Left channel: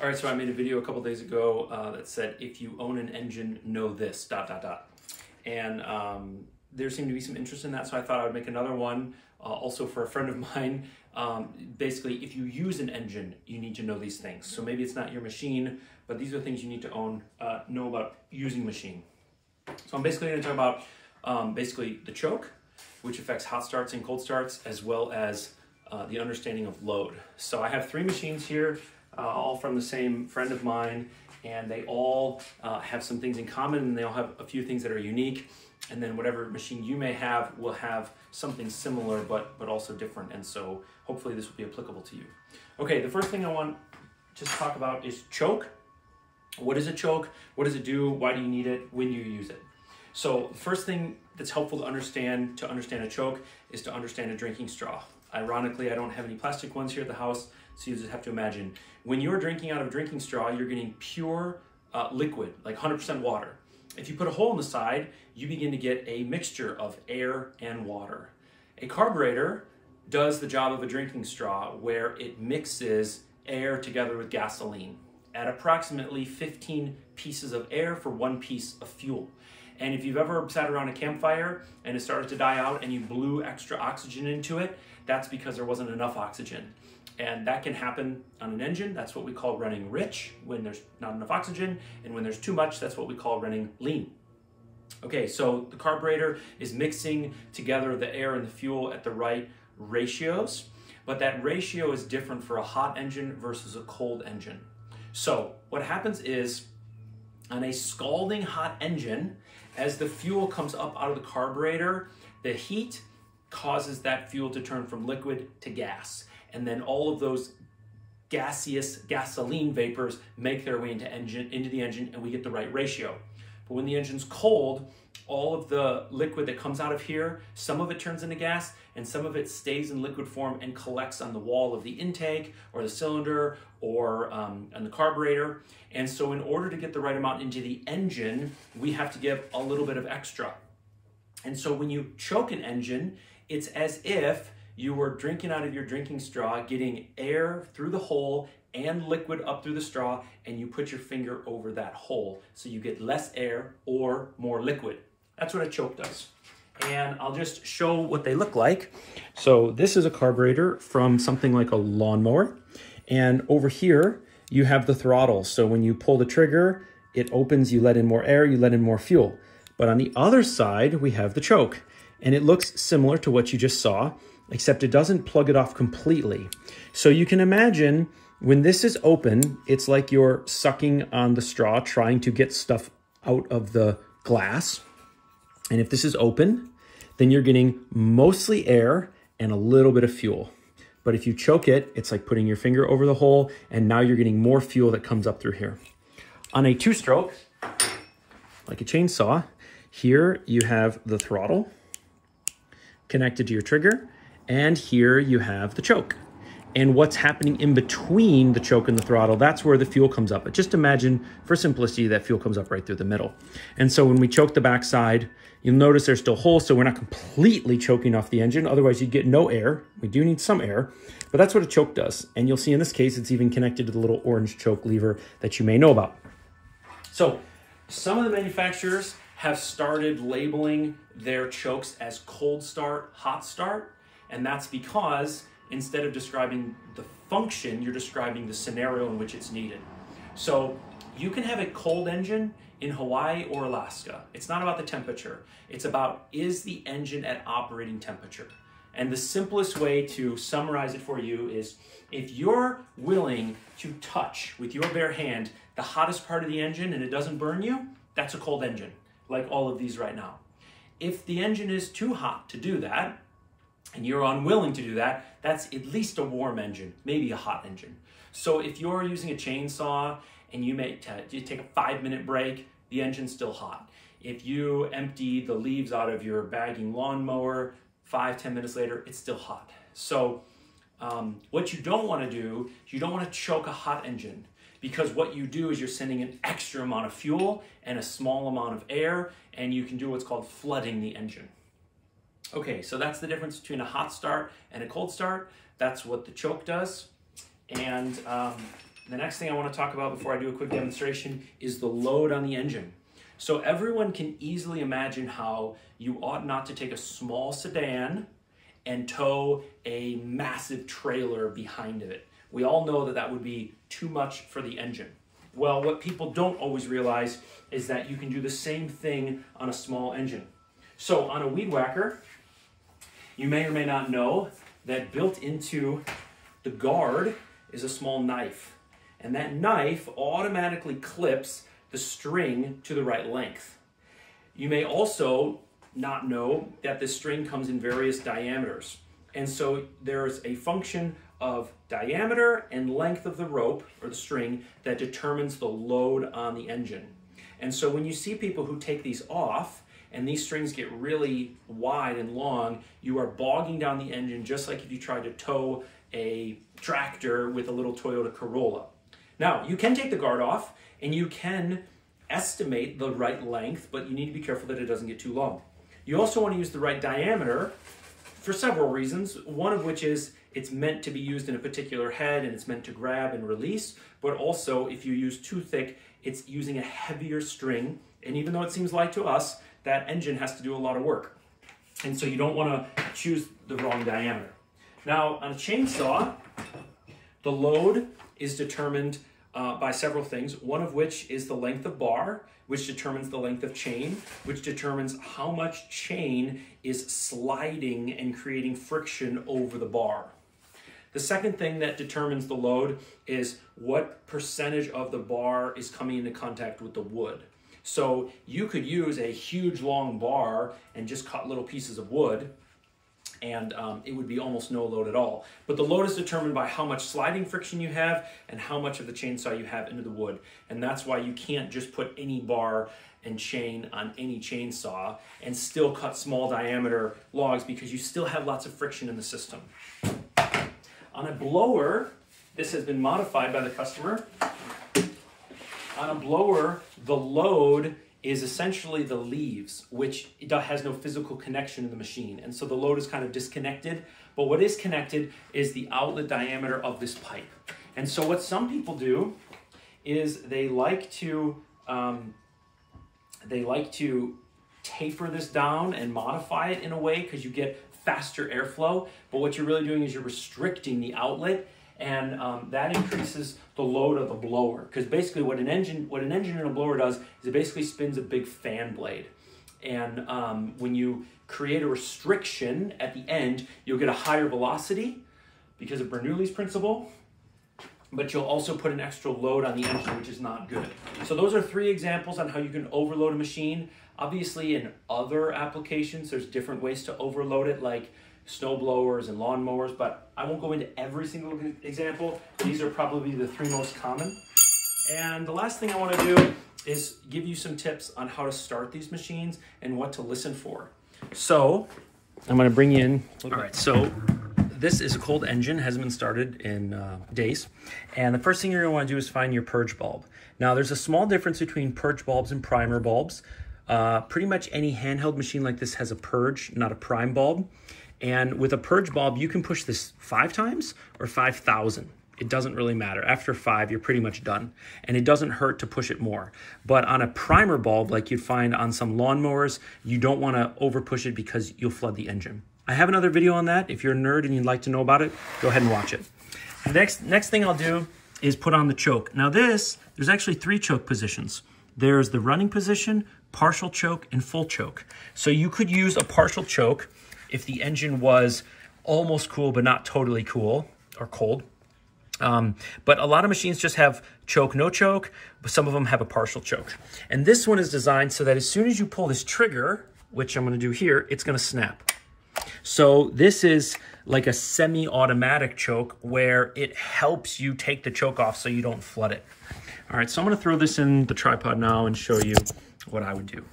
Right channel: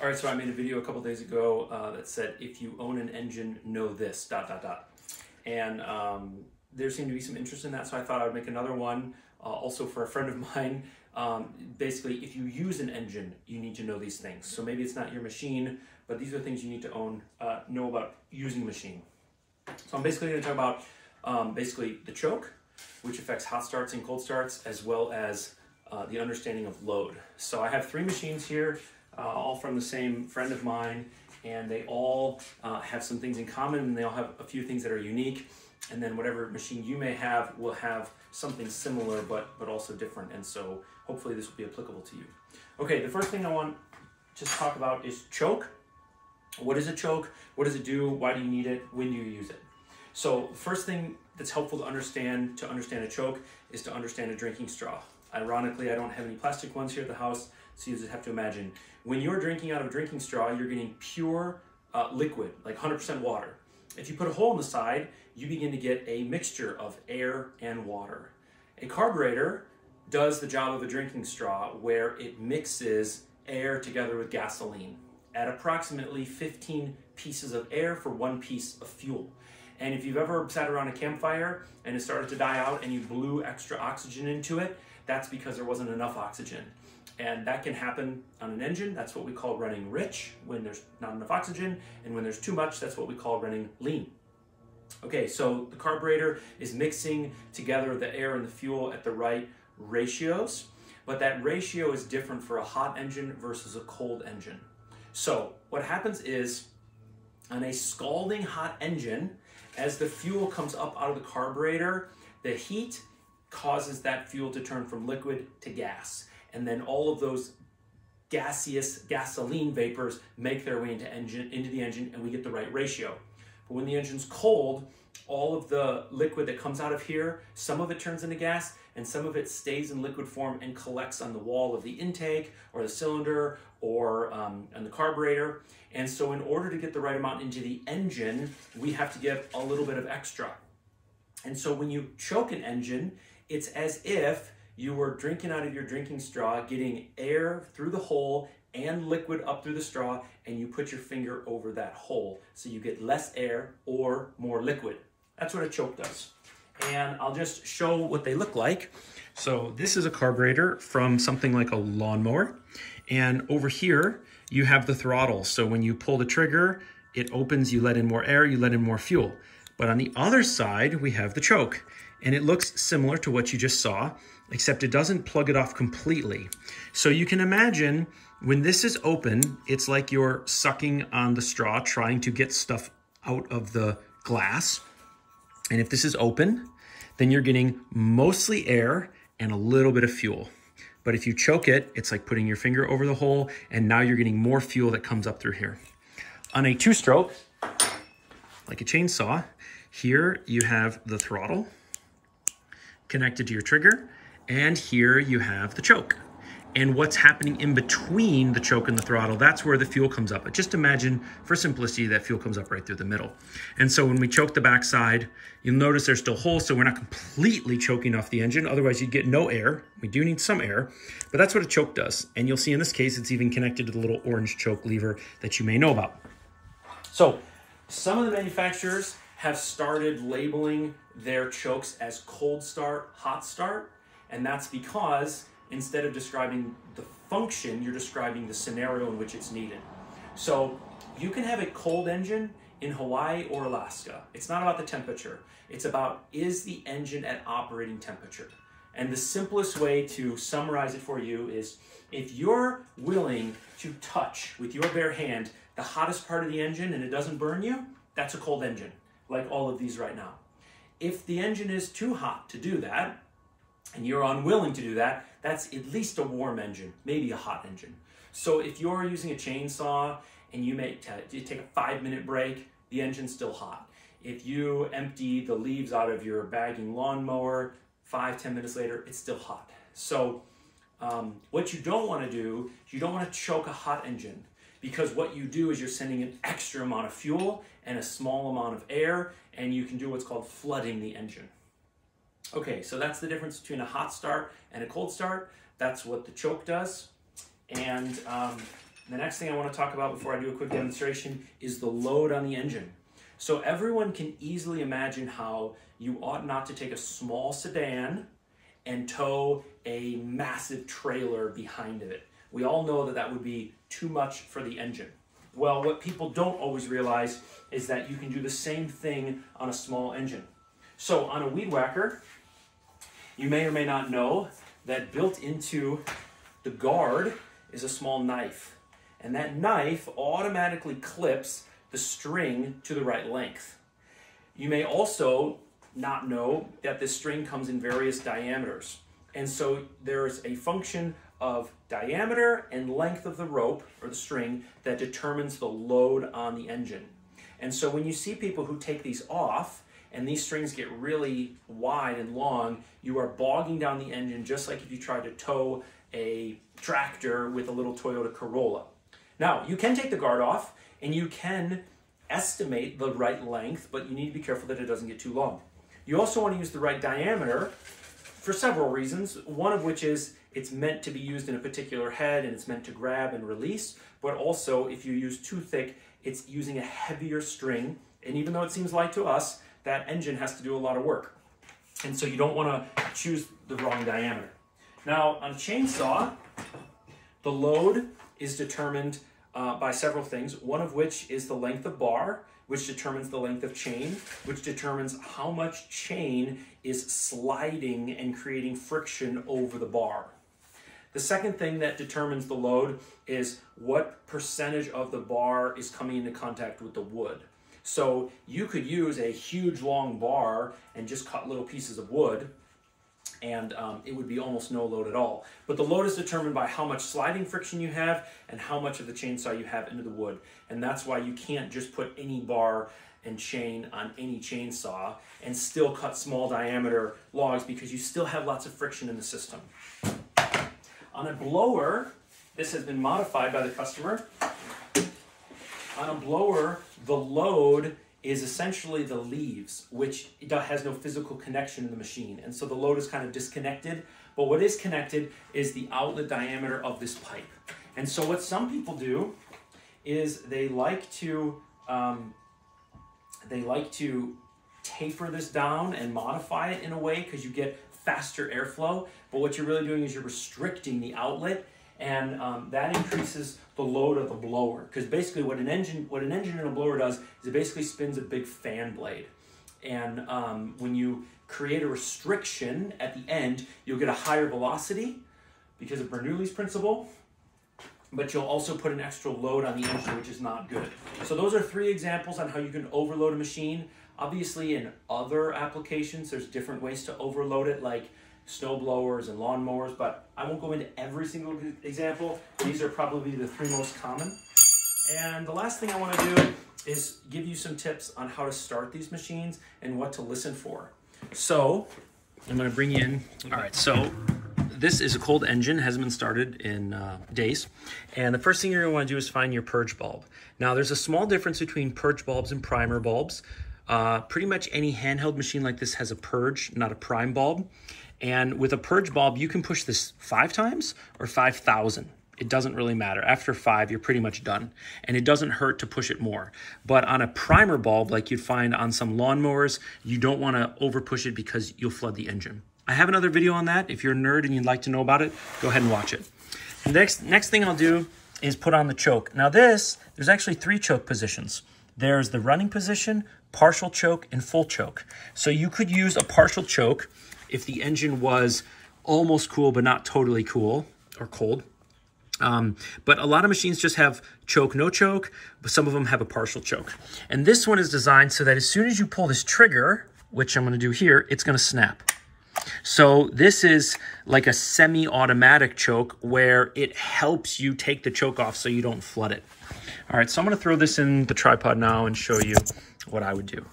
All right, so I made a video a couple days ago that said, if you own an engine, know this, ... And there seemed to be some interest in that, so I thought I would make another one, also for a friend of mine. Basically, if you use an engine, you need to know these things. So maybe it's not your machine, but these are things you need to know about using a machine. So I'm basically going to talk about basically the choke, which affects hot starts and cold starts, as well as the understanding of load. So I have 3 machines here, all from the same friend of mine, and they all have some things in common, and they all have a few things that are unique. And then whatever machine you may have will have something similar, but also different. And so hopefully this will be applicable to you. Okay, the first thing I want to talk about is choke. What is a choke? What does it do? Why do you need it? When do you use it? So the first thing that's helpful to understand a choke is to understand a drinking straw. Ironically, I don't have any plastic ones here at the house, so you just have to imagine. When you're drinking out of a drinking straw, you're getting pure liquid, like 100% water. If you put a hole in the side, you begin to get a mixture of air and water. A carburetor does the job of a drinking straw, where it mixes air together with gasoline at approximately 15 pieces of air for 1 piece of fuel. And if you've ever sat around a campfire and it started to die out and you blew extra oxygen into it, that's because there wasn't enough oxygen. And that can happen on an engine. That's what we call running rich, when there's not enough oxygen. And when there's too much, that's what we call running lean. Okay, so the carburetor is mixing together the air and the fuel at the right ratios, but that ratio is different for a hot engine versus a cold engine. So what happens is, on a scalding hot engine, as the fuel comes up out of the carburetor, the heat causes that fuel to turn from liquid to gas. And then all of those gaseous gasoline vapors make their way into the engine, and we get the right ratio. But when the engine's cold, all of the liquid that comes out of here, some of it turns into gas and some of it stays in liquid form and collects on the wall of the intake or the cylinder or on the carburetor. And so in order to get the right amount into the engine, we have to give a little bit of extra. And so when you choke an engine, it's as if you were drinking out of your drinking straw, getting air through the hole and liquid up through the straw, and you put your finger over that hole. So you get less air or more liquid. That's what a choke does. And I'll just show what they look like. So this is a carburetor from something like a lawnmower. And over here, you have the throttle. So when you pull the trigger, it opens, you let in more air, you let in more fuel. But on the other side, we have the choke. And it looks similar to what you just saw, except it doesn't plug it off completely. So you can imagine when this is open, it's like you're sucking on the straw, trying to get stuff out of the glass. And if this is open, then you're getting mostly air and a little bit of fuel. But if you choke it, it's like putting your finger over the hole, and now you're getting more fuel that comes up through here. On a 2-stroke, like a chainsaw, here you have the throttle connected to your trigger, and here you have the choke. And what's happening in between the choke and the throttle, that's where the fuel comes up. But just imagine, for simplicity, that fuel comes up right through the middle. And so when we choke the backside, you'll notice there's still holes, so we're not completely choking off the engine. Otherwise, you'd get no air. We do need some air, but that's what a choke does. And you'll see in this case, it's even connected to the little orange choke lever that you may know about. So some of the manufacturers have started labeling their chokes as cold start, hot start, and that's because instead of describing the function, you're describing the scenario in which it's needed. So you can have a cold engine in Hawaii or Alaska. It's not about the temperature. It's about, is the engine at operating temperature? And the simplest way to summarize it for you is, if you're willing to touch with your bare hand the hottest part of the engine and it doesn't burn you, that's a cold engine, like all of these right now. If the engine is too hot to do that, and you're unwilling to do that, that's at least a warm engine, maybe a hot engine. So if you're using a chainsaw and you take a 5-minute break, the engine's still hot. If you empty the leaves out of your bagging lawnmower, 5-10 minutes later, it's still hot. So what you don't want to do is you don't want to choke a hot engine, because what you do is you're sending an extra amount of fuel and a small amount of air, and you can do what's called flooding the engine. Okay, so that's the difference between a hot start and a cold start. That's what the choke does. And The next thing I want to talk about before I do a quick demonstration is the load on the engine. So everyone can easily imagine how you ought not to take a small sedan and tow a massive trailer behind it. We all know that that would be too much for the engine. Well, what people don't always realize is that you can do the same thing on a small engine. So on a weed whacker, you may or may not know that built into the guard is a small knife. And that knife automatically clips the string to the right length. You may also not know that this string comes in various diameters. And so there's a function of diameter and length of the rope or the string that determines the load on the engine. And so when you see people who take these off and these strings get really wide and long, you are bogging down the engine just like if you tried to tow a tractor with a little Toyota Corolla. Now, you can take the guard off and you can estimate the right length, but you need to be careful that it doesn't get too long. You also want to use the right diameter for several reasons, one of which is it's meant to be used in a particular head and it's meant to grab and release, but also if you use too thick, it's using a heavier string, and even though it seems light to us, that engine has to do a lot of work. And so you don't want to choose the wrong diameter. Now, on a chainsaw, the load is determined by several things, one of which is the length of bar, which determines the length of chain, which determines how much chain is sliding and creating friction over the bar. The second thing that determines the load is what percentage of the bar is coming into contact with the wood. So you could use a huge long bar and just cut little pieces of wood, and it would be almost no load at all. But the load is determined by how much sliding friction you have and how much of the chainsaw you have into the wood. And that's why you can't just put any bar and chain on any chainsaw and still cut small diameter logs, because you still have lots of friction in the system. On a blower, this has been modified by the customer. On a blower, the load is essentially the leaves, which has no physical connection in the machine. And so the load is kind of disconnected, but what is connected is the outlet diameter of this pipe. And so what some people do is they like to taper this down and modify it in a way because you get faster airflow, but what you're really doing is you're restricting the outlet, and that increases the load of the blower, because basically what an engine in a blower does is it basically spins a big fan blade, and when you create a restriction at the end, you'll get a higher velocity because of Bernoulli's principle, but you'll also put an extra load on the engine, which is not good. So those are 3 examples on how you can overload a machine. Obviously, in other applications, there's different ways to overload it, like snow blowers and lawn mowers, but I won't go into every single example. These are probably the 3 most common. And the last thing I want to do is give you some tips on how to start these machines and what to listen for. So I'm going to bring you in. All right, so this is a cold engine, hasn't been started in days. And the first thing you're going to want to do is find your purge bulb. Now, there's a small difference between purge bulbs and primer bulbs. Pretty much any handheld machine like this has a purge, not a prime bulb. And with a purge bulb, you can push this 5 times or 5,000. It doesn't really matter. After 5, you're pretty much done. And it doesn't hurt to push it more. But on a primer bulb, like you'd find on some lawnmowers, you don't want to over push it because you'll flood the engine. I have another video on that. If you're a nerd and you'd like to know about it, go ahead and watch it. The next thing I'll do is put on the choke. Now there's actually 3 choke positions. There's the running position, partial choke, and full choke. So you could use a partial choke if the engine was almost cool but not totally cool or cold. But a lot of machines just have choke, no choke, but some of them have a partial choke. And this one is designed so that as soon as you pull this trigger, which I'm going to do here, it's going to snap. So this is like a semi-automatic choke where it helps you take the choke off so you don't flood it. All right, so I'm going to throw this in the tripod now and show you what I would do.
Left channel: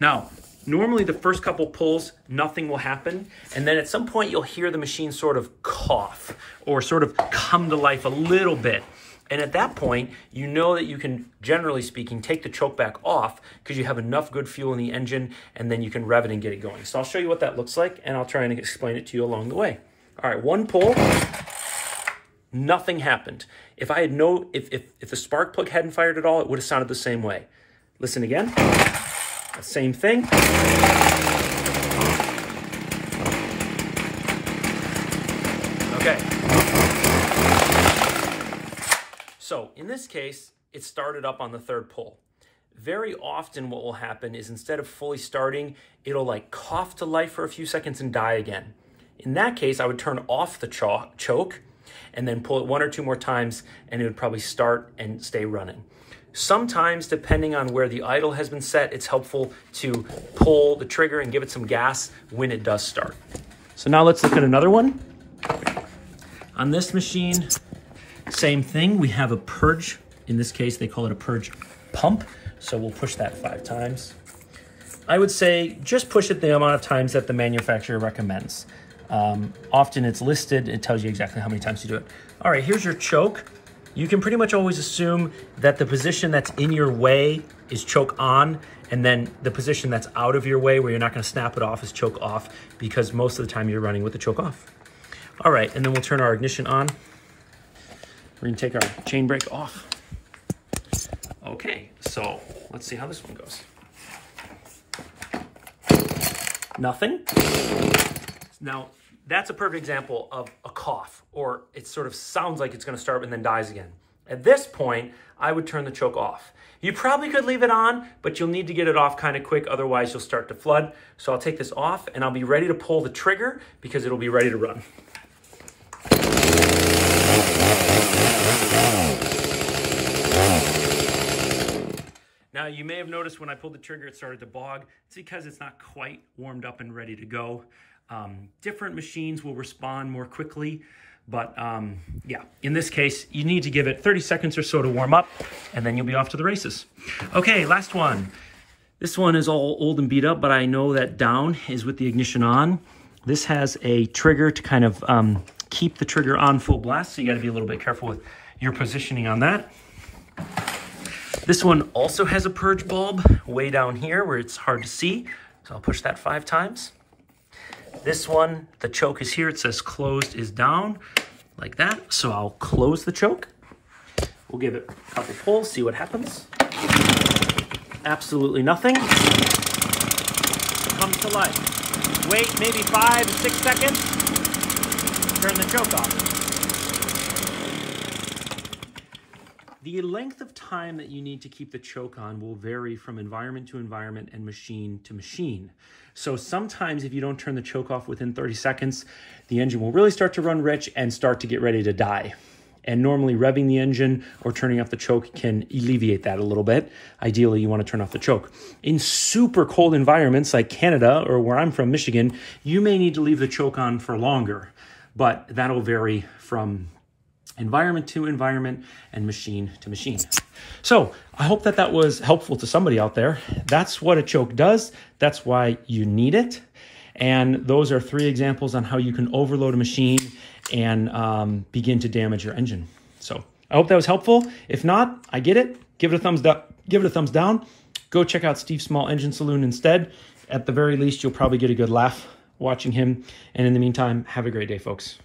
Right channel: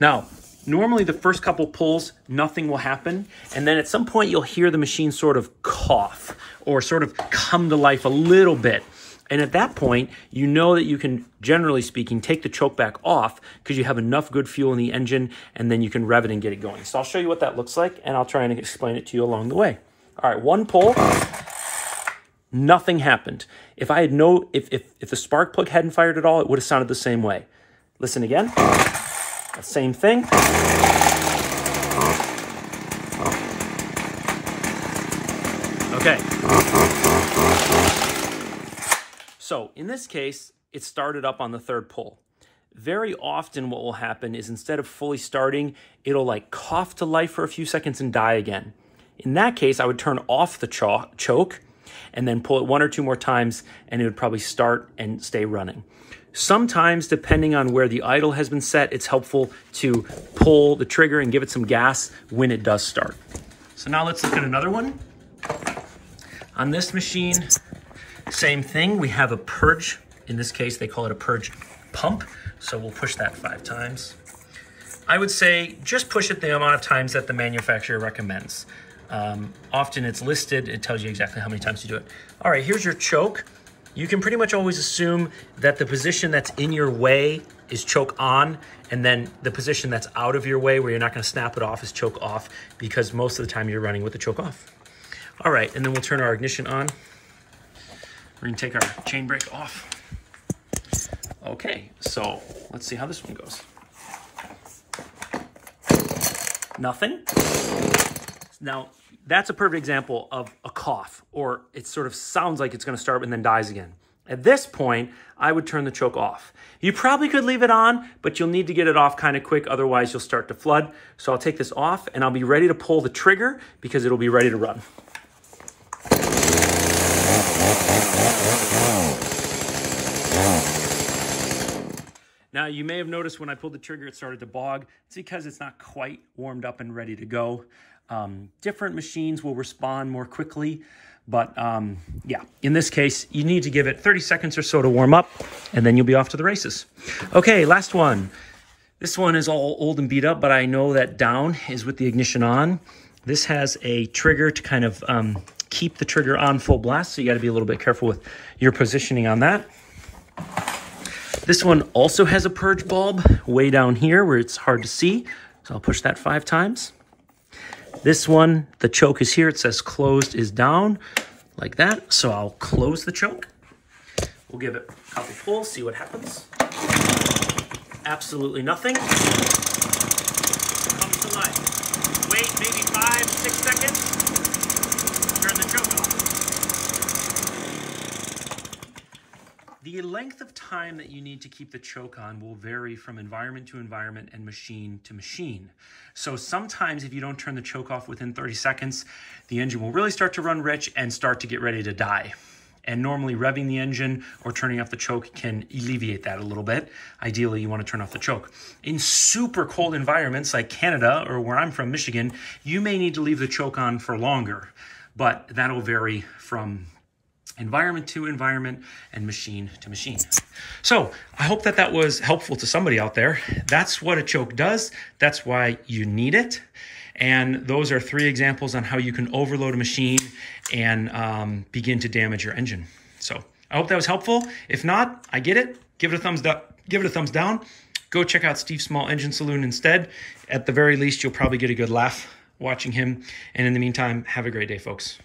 Now, normally the first couple pulls, nothing will happen. And then at some point you'll hear the machine sort of cough or sort of come to life a little bit. And at that point, you know that you can, generally speaking, take the choke back off because you have enough good fuel in the engine, and then you can rev it and get it going. So I'll show you what that looks like, and I'll try and explain it to you along the way. All right, 1 pull. Nothing happened. If the spark plug hadn't fired at all, it would have sounded the same way. Listen again. Same thing. Okay. So in this case, it started up on the third pull. Very often what will happen is instead of fully starting, it'll like cough to life for a few seconds and die again. In that case, I would turn off the choke and then pull it 1 or 2 more times, and it would probably start and stay running. Sometimes, depending on where the idle has been set, it's helpful to pull the trigger and give it some gas when it does start. So now let's look at another one. On this machine, same thing. We have a purge. In this case, they call it a purge pump. So we'll push that 5 times. I would say just push it the amount of times that the manufacturer recommends. Often it's listed, it tells you exactly how many times to do it. All right, here's your choke. You can pretty much always assume that the position that's in your way is choke on, and then the position that's out of your way where you're not gonna snap it off is choke off, because most of the time you're running with the choke off. All right, and then we'll turn our ignition on. We're gonna take our chain brake off. Okay, so let's see how this one goes. Nothing. Now, that's a perfect example of a cough, or it sort of sounds like it's gonna start and then dies again. At this point, I would turn the choke off. You probably could leave it on, but you'll need to get it off kind of quick, otherwise you'll start to flood. So I'll take this off and I'll be ready to pull the trigger because it'll be ready to run. Now, you may have noticed when I pulled the trigger, it started to bog. It's because it's not quite warmed up and ready to go. Different machines will respond more quickly, but yeah, in this case, you need to give it 30 seconds or so to warm up, and then you'll be off to the races. Okay, last one. This one is all old and beat up, but I know that down is with the ignition on. This has a trigger to kind of keep the trigger on full blast, so you gotta be a little bit careful with your positioning on that. This one also has a purge bulb way down here where it's hard to see, so I'll push that 5 times. This one, the choke is here. It says closed is down, like that. So I'll close the choke. We'll give it a couple pulls, see what happens. Absolutely nothing. Comes to life. Wait maybe 5 to 6 seconds. Turn the choke off. The length of time that you need to keep the choke on will vary from environment to environment and machine to machine. So sometimes if you don't turn the choke off within 30 seconds, the engine will really start to run rich and start to get ready to die. And normally revving the engine or turning off the choke can alleviate that a little bit. Ideally, you want to turn off the choke. In super cold environments like Canada or where I'm from, Michigan, you may need to leave the choke on for longer, but that'll vary from environment to environment and machine to machine. So I hope that that was helpful to somebody out there. That's what a choke does. That's why you need it. And those are 3 examples on how you can overload a machine and begin to damage your engine. So I hope that was helpful. If not, I get it. Give it a thumbs up. Give it a thumbs down. Go check out Steve's Small Engine Saloon instead. At the very least, you'll probably get a good laugh watching him. And in the meantime, have a great day, folks.